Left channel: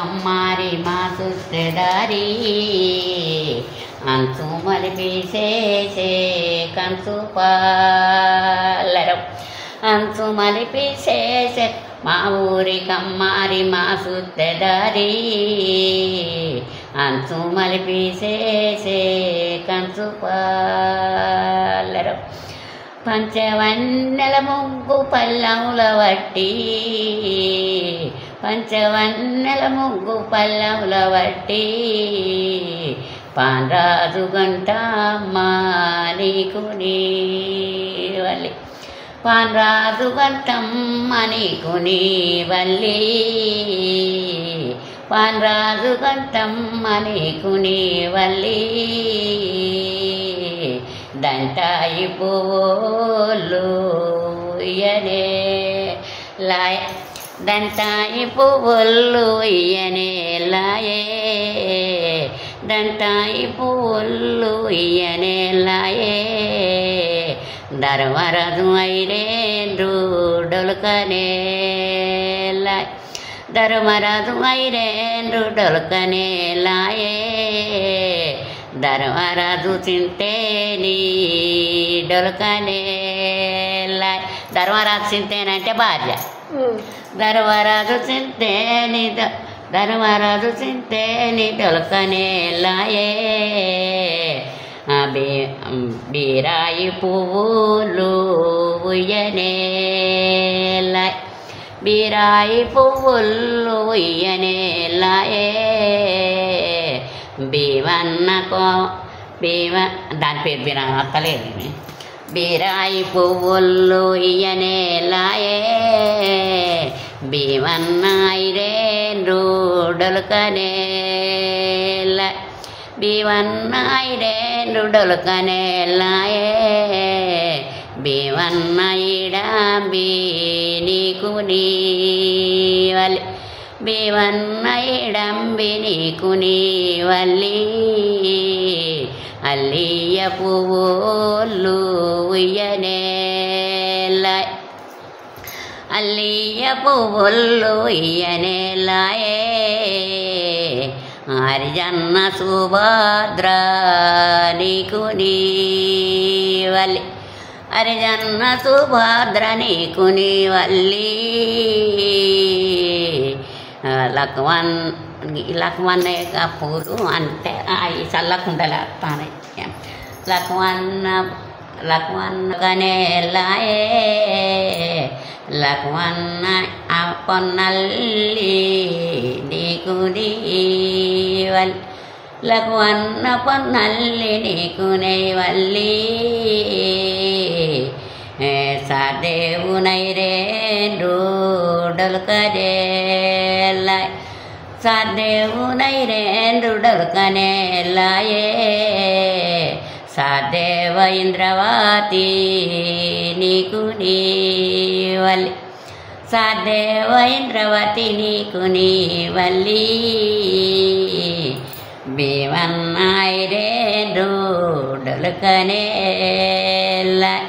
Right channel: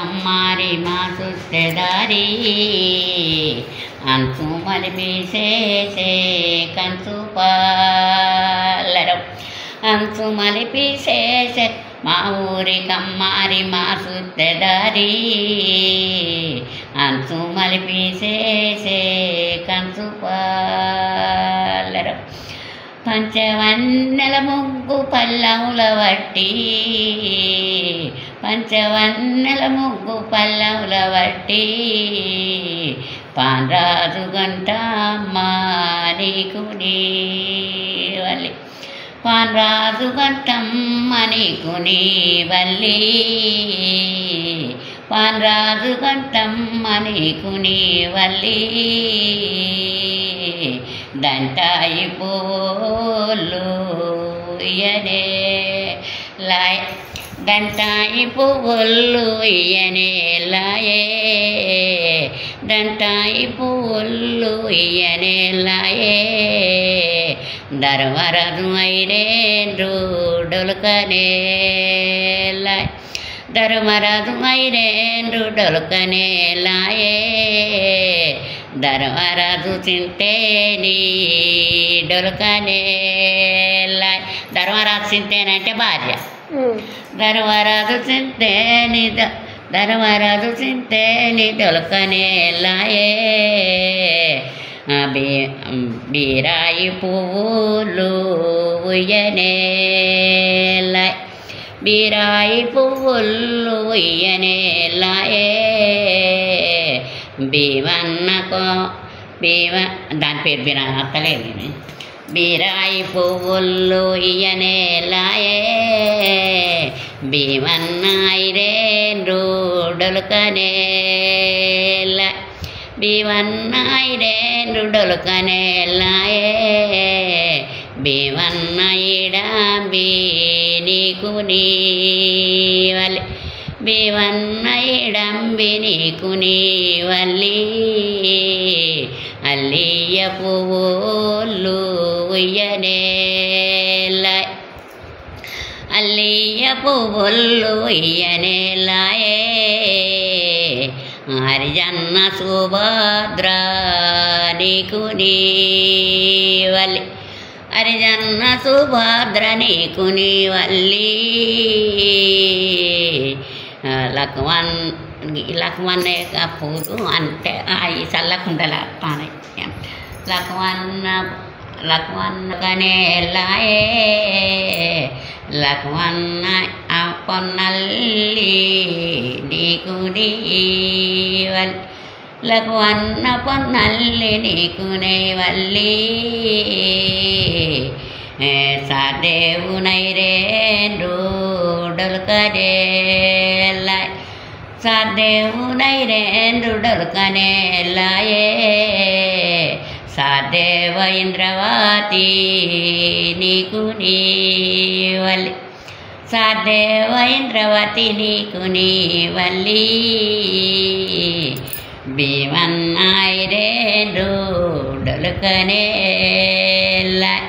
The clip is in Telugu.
అమ్మారి మా సుత్తెదారి అంచు మలిపేసేసే కంచు పాలరం అంచు మలిపేసేసే మా ఊరి కమ్మారి మా సుత్తెదారి అంచు మలిపేసేసే కంచు పాలరం పంచవన్నెల ముగ్గు పల్లవుల వట్టి పంచవన్నెల ముగ్గు పల్లవుల వట్టి పాంరాజు గంటమ్మ నీకు నీవల్లి పాంరాజు గంటమ్మ నీకు నీవల్లి పాంరాజు గంటమ్మ నీకు నీవల్లి దంటాయి పువ్వులు ఇయ్యనే లాయ దంటాయి పువ్వులు ఇయ్యనే లాయే దంటాయి పువ్వులు ఇయ్యనే లాయే దర్వరదు ఐరేండ్రు డొలకనే లాయ్ ధర్మరాజు ఐరేండ్రు డొలకనే లాయే ధర్మరాజు చింతేని డొలకనే లాయ్ ధర్మరాజు చింతేనంటే భార్య ధర్మరాజు చింతేని ధర్మరాజు చింతేని డొలకనే లాయే బీరాయి పువ్వులు ఉయ్యనే లాయ్ బీరాయి పువ్వులు ఉయ్యనే లాయే బీవన్నకో దాని పేరు బీరా అక్కలేదు బీరాయి పువ్వులు ఇయ్యనే లాయే బీవన్నాయి రేండ్రు డొలకనే లాయ్ బీవన్నాయి రేండ్రు డొలకనే లాయే బీవన్న ఇడాంబి నీకు నీవల్లి బీవన్న ఇడంబి నీకు నీవల్లి అల్లియ పువ్వులు ఉయ్యనే లాయ్ అల్లియ పువ్వులు ఉయ్యనే లాయే హరిజన్న సుభద్ర నీకు నీవల్లి హరిజన్న సుభద్ర నీకు నీవల్లి లక్ష్మణ్ పూలు అంటే అవి చల్లకుండల పానయ్య లక్ష్మణనే లాయే లక్ష్మణ పొన్నల్లి నీకు నీవల్లి లక్ష్మణ పొన్నల్లి నీకు నీవల్లి సాదేవునై రేండ్రు డొలకనే లాయ్ సాదేవునై రేంద్రు డొలకనే లాయే సాదేవ ఇంద్రవతి నీకు నీవల్లి సాదేవ ఇంద్రవతి నీకు నీవల్లి భీమన్నాయి రేంద్రు డొలకనే లాయ్